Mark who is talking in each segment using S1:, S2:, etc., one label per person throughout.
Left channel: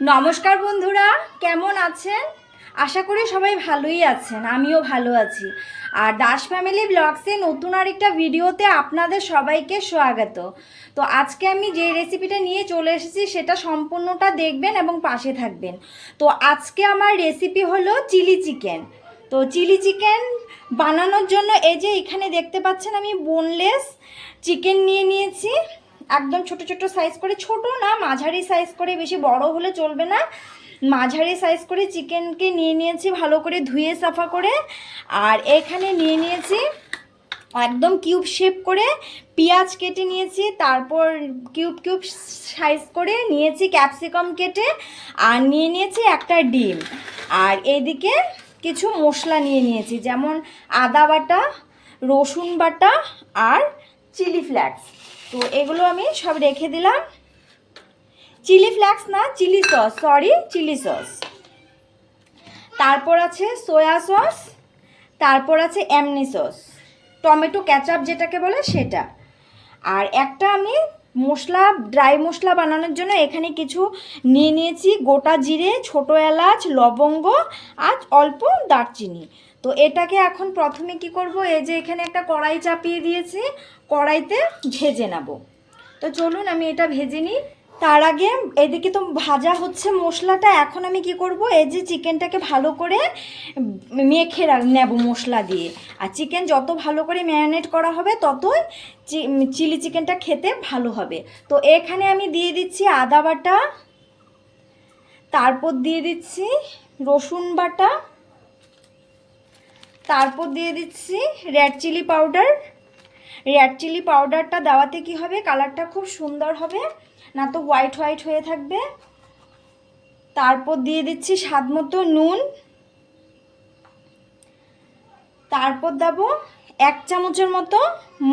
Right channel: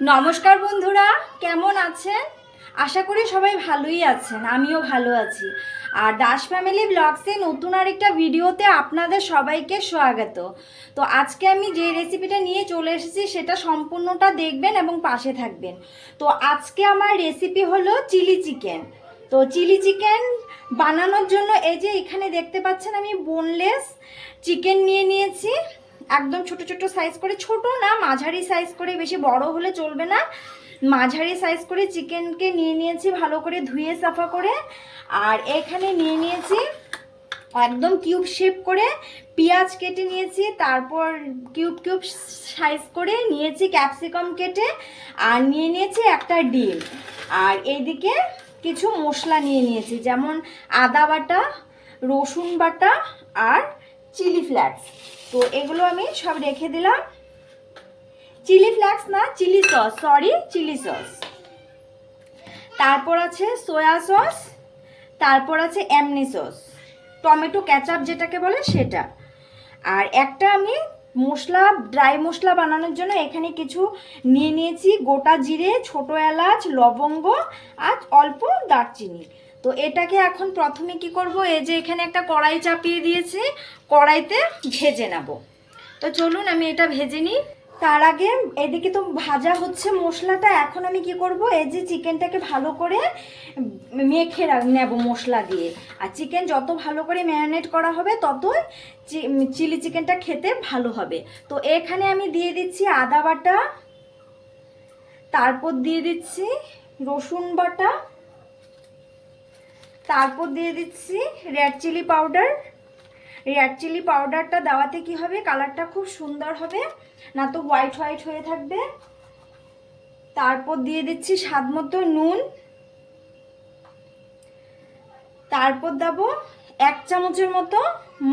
S1: নমস্কার বন্ধুরা, কেমন আছেন? আশা করি সবাই ভালোই আছেন, আমিও ভালো আছি। আর দাস ফ্যামিলি ব্লগসে নতুন আরেকটা ভিডিওতে আপনাদের সবাইকে স্বাগত। তো আজকে আমি যে রেসিপিটা নিয়ে চলে এসেছি, সেটা সম্পূর্ণটা দেখবেন এবং পাশে থাকবেন। তো আজকে আমার রেসিপি হলো চিলি চিকেন তো চিলি চিকেন বানানোর জন্য এই যে এখানে দেখতে পাচ্ছেন আমি বোনলেস চিকেন নিয়ে নিয়েছি। একদম ছোট ছোট সাইজ করে, ছোট না, মাঝারি সাইজ করে, বেশি বড় হলে চলবে না। মাঝারি সাইজ করে চিকেনকে নিয়ে নিয়েছি ভালো করে ধুয়ে সাফা করে। আর এখানে নিয়ে নিয়েছি একদম কিউব শেপ করে পেঁয়াজ কেটে নিয়েছি, তারপর কিউব কিউব সাইজ করে নিয়েছি ক্যাপসিকাম কেটে, আর নিয়ে নিয়েছি একটা ডিম। আর এইদিকে কিছু মশলা নিয়ে নিয়েছি, যেমন আদা বাটা, রসুন বাটা, আর চিলি ফ্লেক্স তো এগুলো আমি সব রেখে দিলাম। চিলি ফ্লেক্স না, chilli sauce sorry chilli sauce. তারপর আছে সয়া সস, তারপর আছে এমনি সস, টমেটো ক্যাচাপ যেটাকে বলে সেটা। আর একটা আমি মশলা ড্রাই মশলা বানানোর জন্য এখানে কিছু নিয়ে নিয়েছি, গোটা জিরে, ছোটো এলাচ, লবঙ্গ, আর অল্প দারচিনি। তো এটাকে এখন প্রথমে কি করব? এই যে এখানে একটা কড়াই চাপিয়ে দিয়েছি, কড়াইতে ভেজে নেব। তো চলুন আমি এটা ভেজে নিই। তার আগে এদিকে তো ভাজা হচ্ছে মশলাটা, এখন আমি কি করব? এই যে চিকেনটাকে ভালো করে মেখে নেব মশলা দিয়ে। আর চিকেন যত ভালো করে ম্যারিনেট করা হবে, ততই চিলি চিকেনটা খেতে ভালো হবে। তো এখানে আমি দিয়ে দিচ্ছি আদা বাটা, তারপর দিয়ে দিচ্ছি রসুন বাটা তারপর দিয়ে দিচ্ছি red chilli powder red chilli পাউডারটা দেওয়াতে কি হবে? কালারটা খুব সুন্দর হবে, না তো হোয়াইট হোয়াইট হয়ে থাকবে। তারপর দিয়ে দিচ্ছি স্বাদ মতো নুন। তারপর দেবো এক চামচের মতো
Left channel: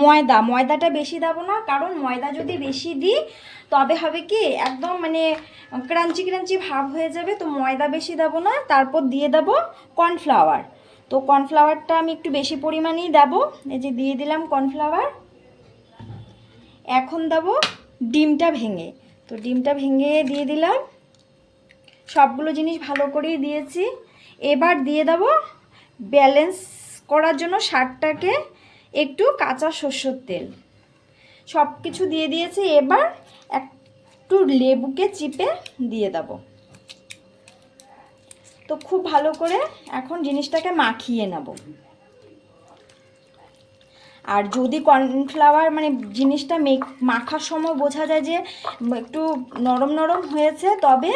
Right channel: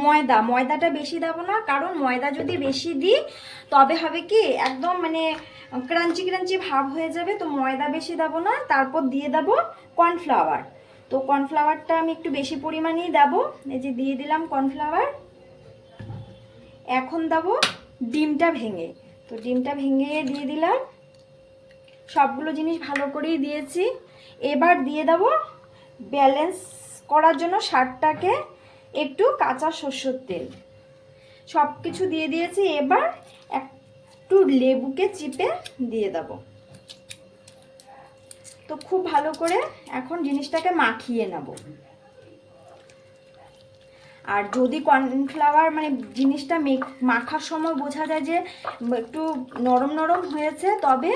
S1: ময়দা। ময়দাটা বেশি দেবো না, কারণ ময়দা যদি বেশি দিই, তবে হবে কি, একদম মানে ক্রাঞ্চি ক্রাঞ্চি ভাব হয়ে যাবে, তো ময়দা বেশি দেবো না। তারপর দিয়ে দেবো কর্নফ্লাওয়ার তো কর্নফ্লাওয়ারটা আমি একটু বেশি পরিমাণেই দেবো। এই যে দিয়ে দিলাম কর্নফ্লাওয়ার। এখন দেবো ডিমটা ভেঙে। তো ডিমটা ভেঙে দিয়ে দিলাম। সবগুলো জিনিস ভালো করেই দিয়েছি। এবার দিয়ে দেবো ব্যালেন্স করার জন্য শাকটাকে একটু কাঁচা সর্ষের তেল। সব কিছু দিয়ে দিয়েছি। এবার একটু লেবুকে চিপে দিয়ে দেবো। তো খুব ভালো করে এখন জিনিসটাকে মাখিয়ে নেব। আর যদি কর্নফ্লাওয়ার মানে জিনিসটা মাখার সময় বোঝা যায় যে একটু নরম নরম হয়েছে, তবে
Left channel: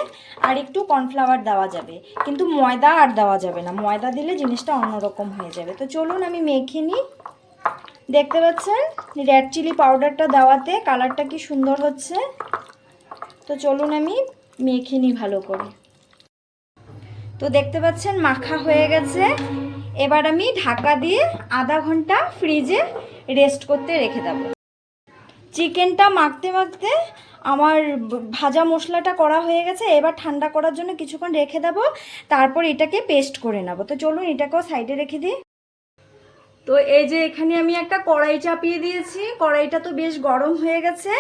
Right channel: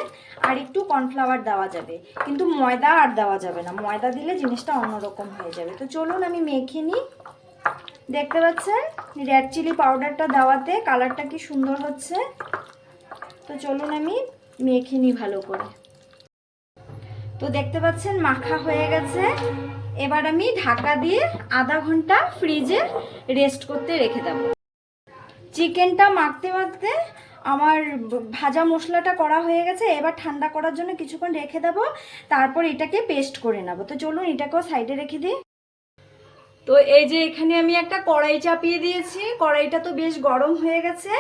S1: আর একটু কর্নফ্লাওয়ার দেওয়া যাবে। কিন্তু ময়দা আর দেওয়া যাবে না। ময়দা দিলে জিনিসটা অন্যরকম হয়ে যাবে। তো চলুন আমি মেখে নিই। দেখতে পাচ্ছেন? রেড চিলি পাউডারটা দেওয়াতে কালারটা কি সুন্দর হচ্ছে? তো চলুন আমি মেখে নিই ভালো করে। তো দেখতে পাচ্ছেন মাখা হয়ে গেছে। এবার আমি ঢাকা দিয়ে আধা ঘণ্টা ফ্রিজে রেস্ট করতে রেখে দেবো। চিকেনটা মাখতে মাখতে আমার ভাজা মশলাটা করা হয়ে গেছে। এবার ঠান্ডা করার জন্য কিছুক্ষণ রেখে দেবো। তারপর এটাকে পেস্ট করে নেব। তো চলুন এটাকেও সাইডে রেখে দিই। তো এই যে এখানে আমি একটা কড়াই চাপিয়ে দিয়েছি। কড়াইটা তো বেশ গরম হয়ে গেছে।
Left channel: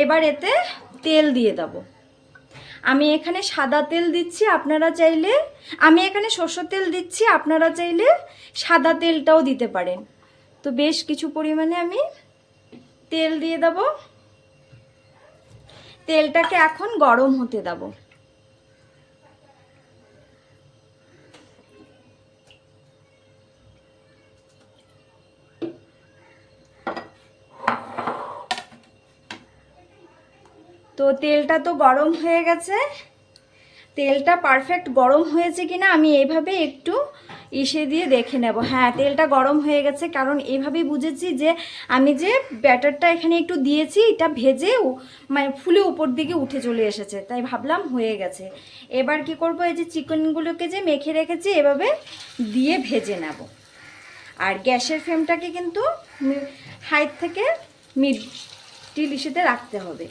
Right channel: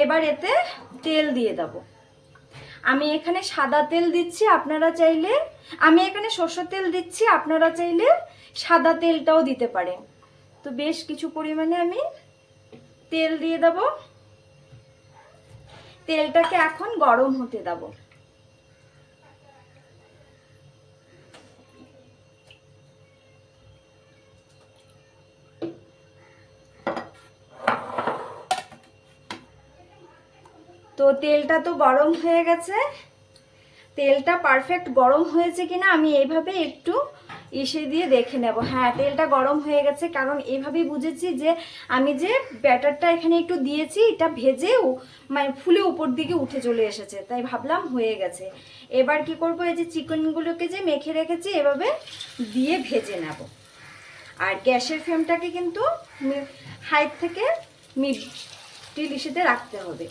S1: এবার এতে তেল দিয়ে দেবো। আমি এখানে সাদা তেল দিচ্ছি, আপনারা চাইলে, আমি এখানে সর্ষের তেল দিচ্ছি, আপনারা চাইলে সাদা তেলটাও দিতে পারেন। তো বেশ কিছু পরিমাণে আমি তেল দিয়ে দেব। তেলটাকে এখন গরম হতে দেব। তো তেলটা তো গরম হয়ে গেছে। তেলটা পারফেক্ট গরম হয়েছে কিনা আমি এইভাবে একটু ইসে দিয়ে দেখে নেব। হ্যাঁ তেলটা গরম হয়ে গেছে কারণ এইভাবেই বুঝেছি যে আমি যে ব্যাটারটা এখানে একটু দিয়েছি, এটা ভেজেও মানে ফুলে উপর দিকে উঠে চলে এসেছে, তাই ভাবলাম হয়ে গেছে। এবার কি করব, এই যে চিকেনগুলোকে যে মেখে রেখেছি, এভাবে দিয়ে ভেজে নেব। আর গ্যাসের ফ্লেমটাকে কিন্তু হাইট থেকে টিলিশিতে রাখতে হবে।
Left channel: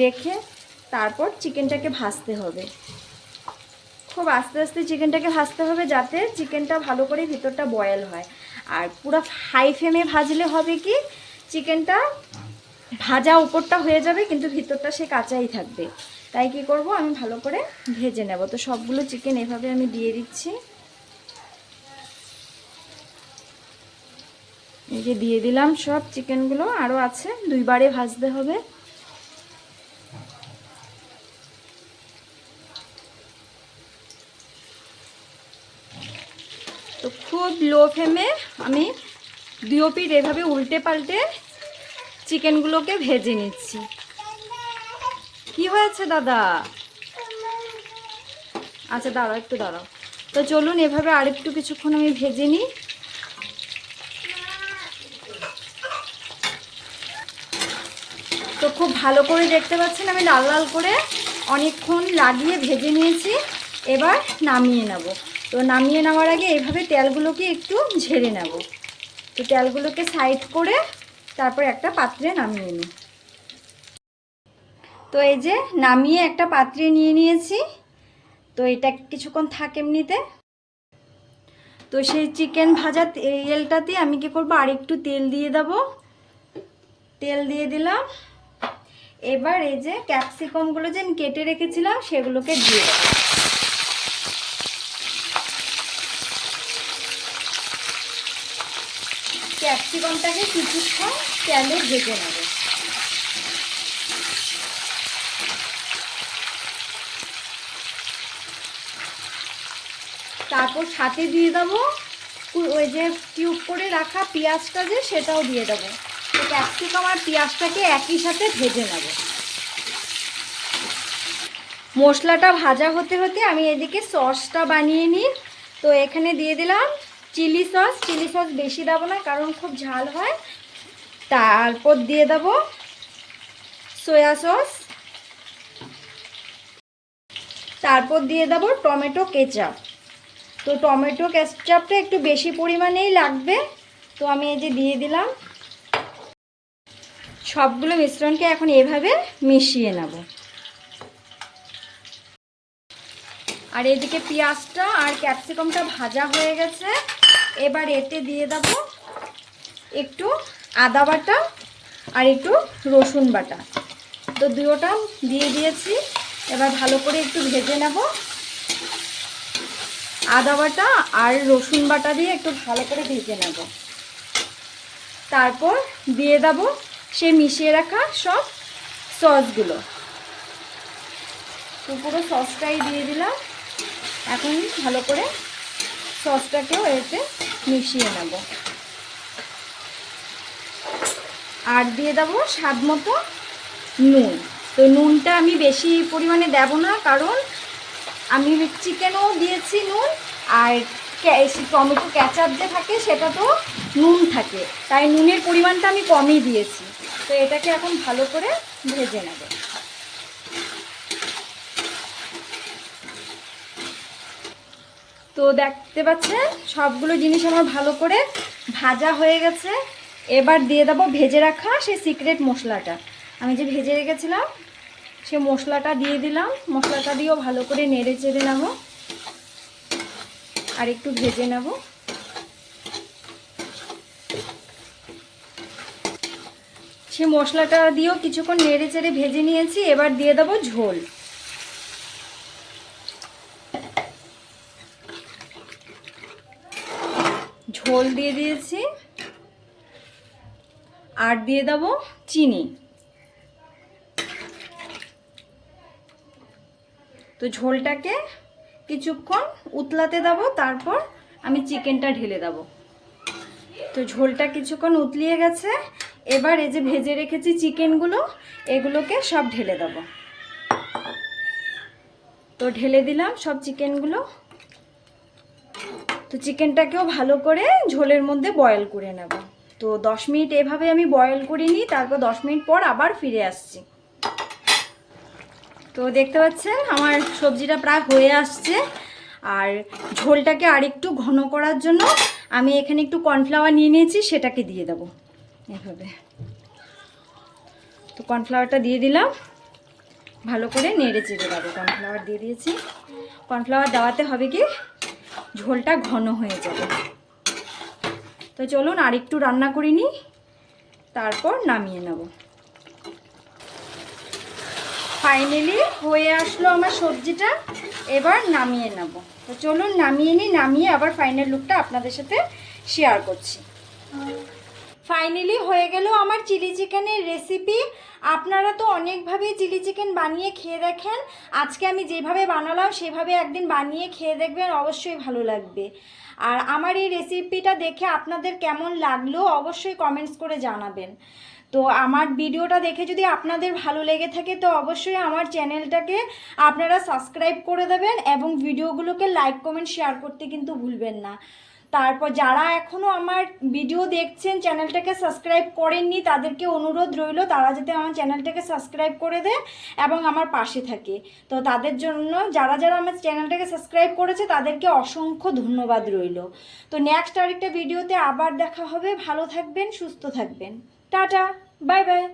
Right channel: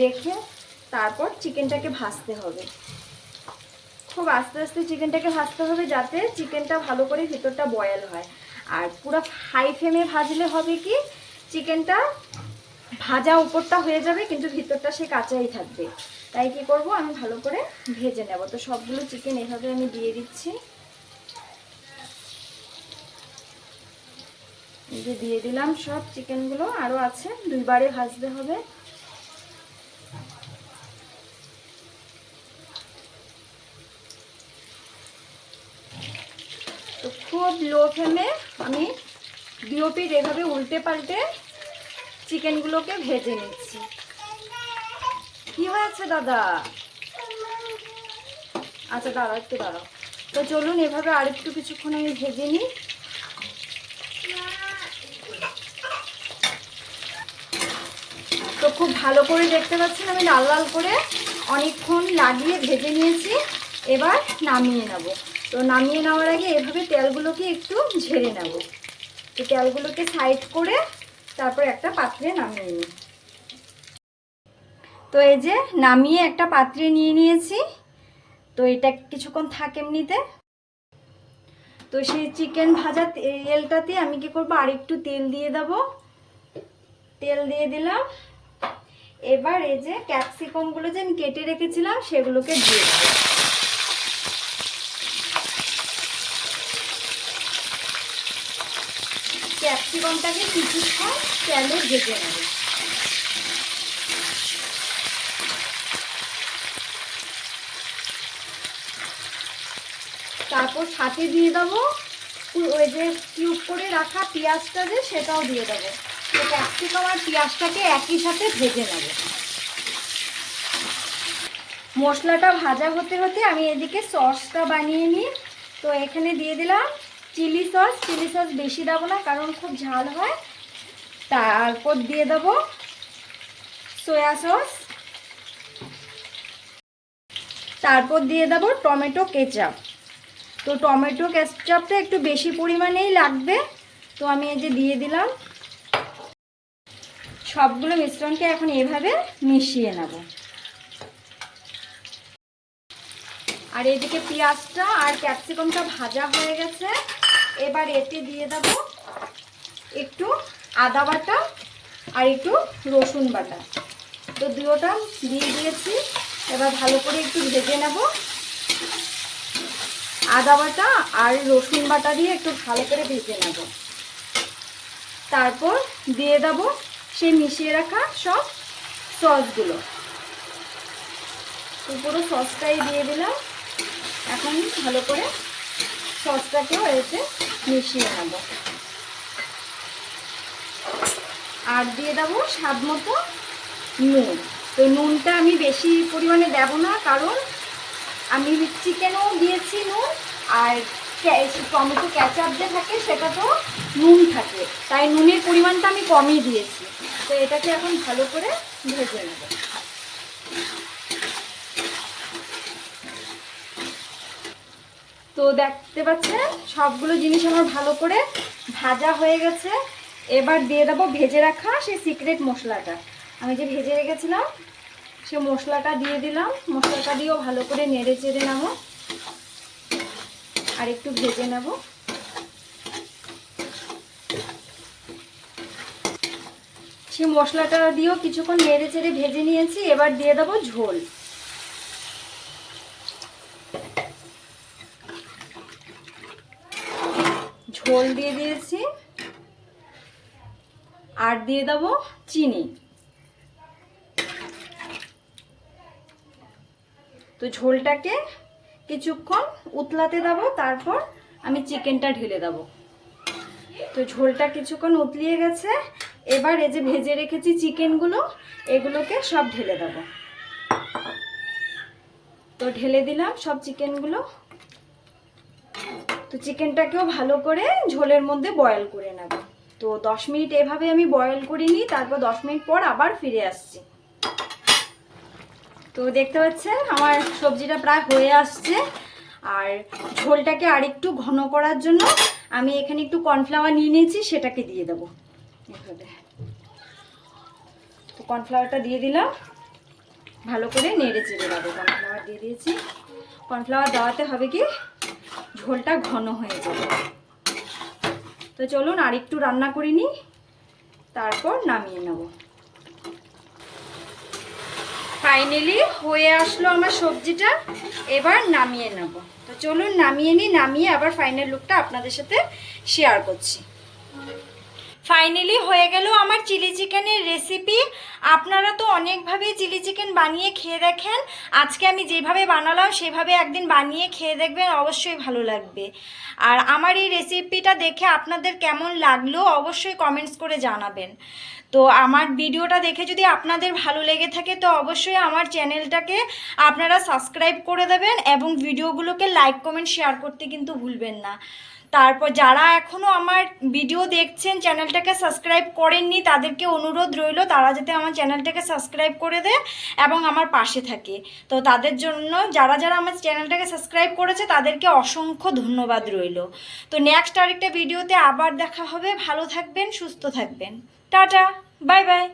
S1: রেখে তারপর চিকেনটাকে ভাজতে হবে। খুব আস্তে আস্তে চিকেনটাকে ভাজতে হবে যাতে চিকেনটা ভালো করে ভিতরটা বয়েল হয়। আর পুরো হাই ফ্লেমে ভাজলে হবে কি, চিকেনটা ভাজা উপরটা হয়ে যাবে, কিন্তু ভিতরটা সে কাঁচাই থাকবে। তাই কি করব, আমি ভালো করে ভেজে নেব। তো সবগুলো চিকেন এভাবে আমি দিয়ে দিচ্ছি। এই যে দিয়ে দিলাম সব চিকেনগুলো আরও আছে, দুইবারে ভাজতে হবে। তো খুব লো ফ্লেমে আমি দুই এভাবে উল্টে পাল্টে চিকেনগুলোকে ভেজে নিচ্ছি। কি হয়েছে দাদা? আচ্ছা দাঁড়াও, একটু দাঁড়াও। তো চলুন, এভাবে আরেকটু কিছুক্ষণ আমি ভেজে নিই তো খুব ভালো করে দেখতে পাচ্ছেন, আমি লাল লাল করে অনেকক্ষণ লাগিয়ে ভেজে নিয়েছি। এবার নামিয়ে নেব। তো নামিয়ে নেওয়ার আগে এভাবে তেলগুলোকে একটু ঝেড়ে নেব। তো তেলগুলোকে সাইড করে তারপর একটা পাত্রে নামিয়ে নিই। তো এই যে নামিয়ে একটা পাত্রে নিয়ে নিয়েছি। তো এটা কিছুক্ষণ থাক এমনিতে। তো সেই চিকেন ভাজা তেলটাতে আমি কি করব, আরেকটু তেল দিয়ে দেব। তেল দিয়ে দিলাম। এবার এই যে ক্যাপসিকামগুলো যে কেটে রেখেছিলাম, সেগুলোকে দিয়ে দেবো। ক্যাপসিকামটাকে কিছুক্ষণ তেলে ভেজে নেবে। তারপর সাথে দিয়ে দেবো, ওই যে কিউব করে রাখা পেঁয়াজটা যে, সেটাও দিয়ে দেবো। তো ক্যাপসিকাম আর পেঁয়াজটাকে একই সাথে ভেজে নেব। মশলাটা ভাজা হতে হতে আমি এদিকে সসটা বানিয়ে নিই। তো এখানে দিয়ে দিলাম চিলি সস। চিলি সস বেশি দেবো না, কারণ খুব ঝাল হয়। তারপর দিয়ে দেবো সয়া সস। তারপর দিয়ে দেবো টমেটো কেচাপ। তো টমেটো কেচাপটা একটু বেশি পরিমাণেই লাগবে। তো আমি এই যে দিয়ে দিলাম। সবগুলো মিশ্রণকে এখন এভাবে মিশিয়ে নেব। আর এদিকে পেঁয়াজটা আর ক্যাপসিকামটা ভাজা হয়ে গেছে। এবার এতে দিয়ে দেব একটু আদা বাটা আর একটু রসুন বাটা। তো দুটোটা দিয়ে দিয়েছি। এবার ভালো করে একটু ভেজে নেব। আদা বাটা আর রসুন বাটা দিয়ে একটু ভালো করে ভেজে নেব। তারপর দিয়ে দেবো সে মিশিয়ে রাখা সব সসগুলো। তো পুরো সসটাই দিয়ে দিলাম। এখন ভালো করে সসটাকেও এতে মিশিয়ে নেব। আর দিয়ে দেবো স্বাদ মতো নুন। তো নুনটা আমি বেশি পরিমাণে দেব না, কারণ আমি চিকেনও দিয়েছি নুন, আর টমেটো ক্যাচাপ যে থাকে, সেটা তো নুন থাকে। তাই নুনের পরিমাণটা আমি কমই দিয়েছি। তো এটাকে এখন ভালো করে ভেজে নেব। তো দেখতে পাচ্ছেন, সবগুলো জিনিস আমার ভালো করে ভাজা হয়ে গেছে। এবার দিয়ে দেবো ভেজে রাখা সেই সিক্রেট মশলাটা। আমি যে ভেজে রেখেছিলাম সে মশলাটা দিয়ে দিলাম। মশলাটা দিয়েও ভালো করে নেড়ে চেড়ে নেব। আর একটু ভেজে নেব। সে মশলাটা দিয়েও কিছুক্ষণ নেড়ে চেড়ে ভেজে নিয়েছি, এবার দিয়ে দেবো ঝোল। ঝোল দিয়ে দিয়েছি, আর দিয়ে দেবো চিনি। তো ঝোলটাকে কিছুক্ষণ উতলাতে দেবো, তারপর আমি চিকেনটা ঢেলে দেবো। তো ঝোলটা কিছুক্ষণ উতলিয়ে গেছে। এবার এই যে ভেজে রেখেছি চিকেনগুলো, এগুলোকে সব ঢেলে দেবো। তো ঢেলে দিলাম সব চিকেনগুলো। তো চিকেনটাকেও ভালো করে ঝোলের মধ্যে বয়েল করে নেব। তো দশ মিনিট এভাবে আমি বয়েল করে নিই তারপর দশ মিনিট পর আবার ফিরে আসছি। তো দেখতে পাচ্ছেন, আমার সবজিটা প্রায় হয়ে আসছে। আর ঝোলটাকে আরেকটু ঘন করার জন্য আমি এখানে একটু কর্নফ্লাওয়ার নিয়ে নিয়েছি, সেটাকে দিয়ে দেবো। এভাবে। তো কর্নফ্লাওয়ারটা দিয়ে দিলাম। ভালো করে নেড়ে চেড়ে দেবো কর্নফ্লাওয়ার দিয়ে দিয়েছি। কর্নফ্লাওয়ার দেওয়াতে হবে কি, ঝোলটা ঘন হয়ে যাবে। তো চলুন আর একটু রান্না করে নিই, তারপর নামিয়ে নেব। ফাইনালি হয়ে আসলো আমার সবজিটা, এবার নামিয়ে নেব। তো চলুন নামিয়ে নিই, নামিয়ে আবার ফাইনাল লুকটা আপনাদের সাথে শেয়ার করছি। ফাইনালি হয়ে গেল আমার চিলি চিকেনের রেসিপি আপনারা তো অনেকভাবেই চিলি চিকেন বানিয়ে খেয়ে দেখেন। আজকে আমি যেভাবে বানালাম, সেভাবে একদিন বানিয়ে খেয়ে দেখবেন, অবশ্যই ভালো লাগবে। আর আমার এই রেসিপিটা দেখে আপনাদের কেমন লাগল, অবশ্যই কমেন্টস করে জানাবেন। তো আমার ভিডিওটা দেখে যদি আপনাদের ভালো লেগে থাকে, তো অবশ্যই আমার চ্যানেলটাকে আপনারা সাবস্ক্রাইব করে দেবেন এবং ভিডিওগুলোকে লাইক কমেন্ট শেয়ার করতে কিন্তু ভুলবেন না। তারপর যারা এখনও আমার ভিডিও দেখছেন, চ্যানেলটাকে সাবস্ক্রাইব করেননি, তাদেরকে অনুরোধ রইল, তারা যাতে আমার চ্যানেলটাকে সাবস্ক্রাইব করে দেয় এবং আমার পাশে থাকে। তো তাদের জন্য যারা যারা আমার চ্যানেলটাকে সাবস্ক্রাইব করেছে, তাদেরকে অসংখ্য ধন্যবাদ রইল। তো নেক্সট আরেকটা ভিডিওতে আবার দেখা হবে। ভালো থাকবেন, সুস্থ থাকবেন। Tata bye bye.